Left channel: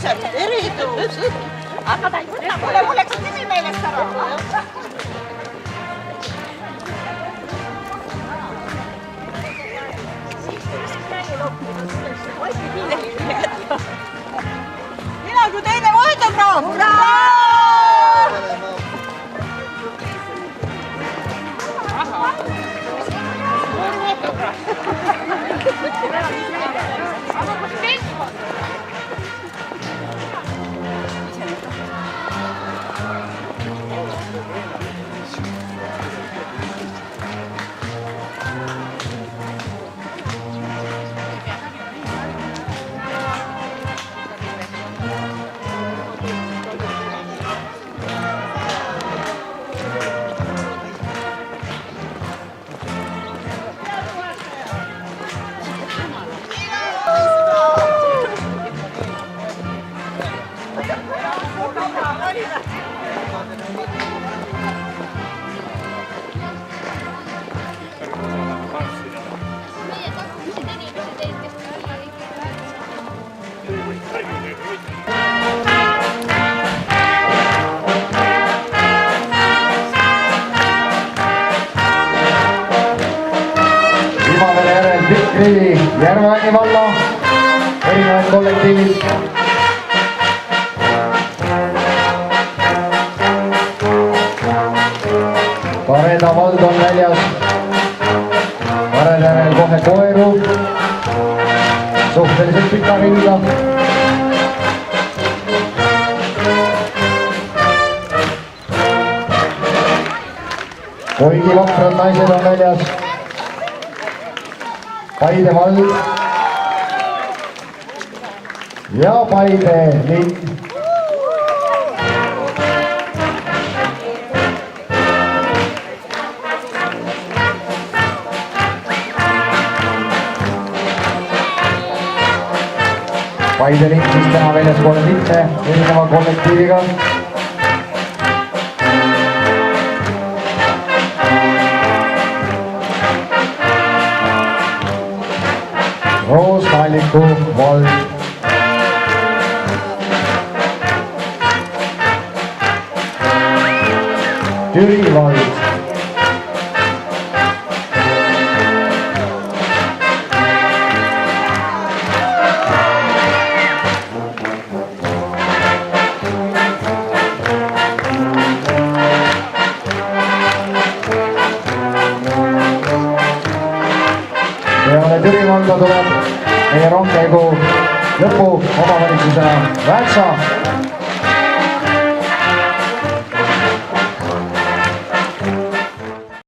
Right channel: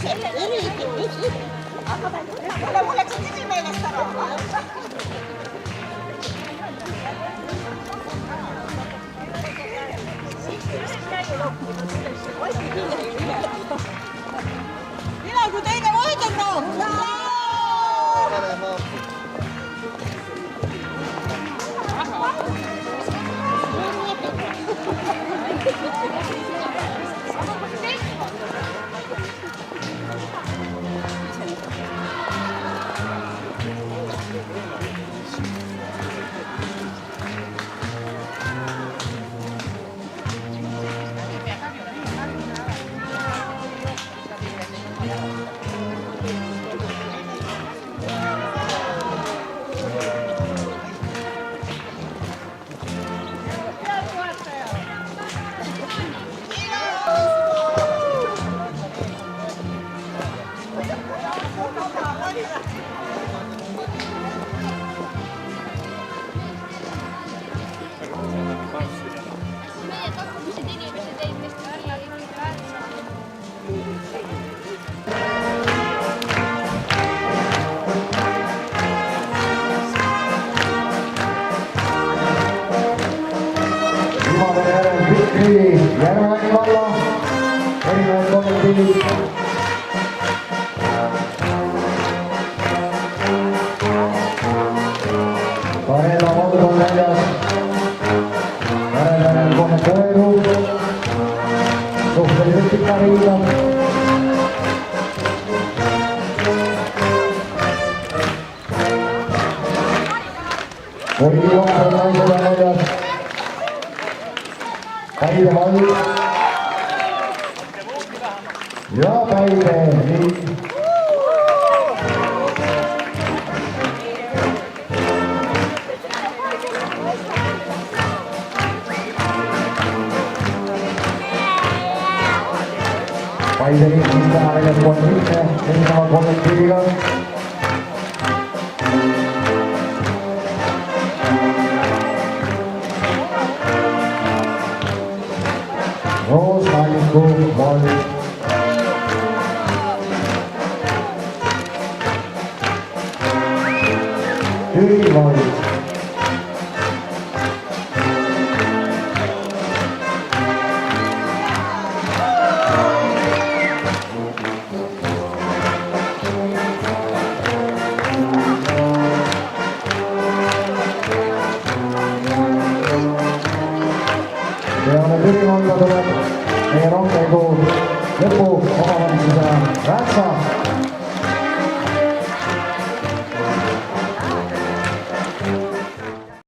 ilusad, eritud. Aga ta ei võta. Mul läks nimi meelest ära. Mina kui teine autograaf. Aha. Suur autograaf. Järveaini valla erinevad kollektiivid. Varela Valdo on väljas. Varela järel kohe Koeru. Suhteliselt pika ringiga. Koidi Vahver naised on väljas. Paide vald ja Paide linn. Paide linn siis täna väljaspoole mitte erineva kollektiiviga. Roosmaliku vald. Jüri vald. Peale Jüri valda tuleb meie rongkäigu lõpu omavalitsuse Väätsa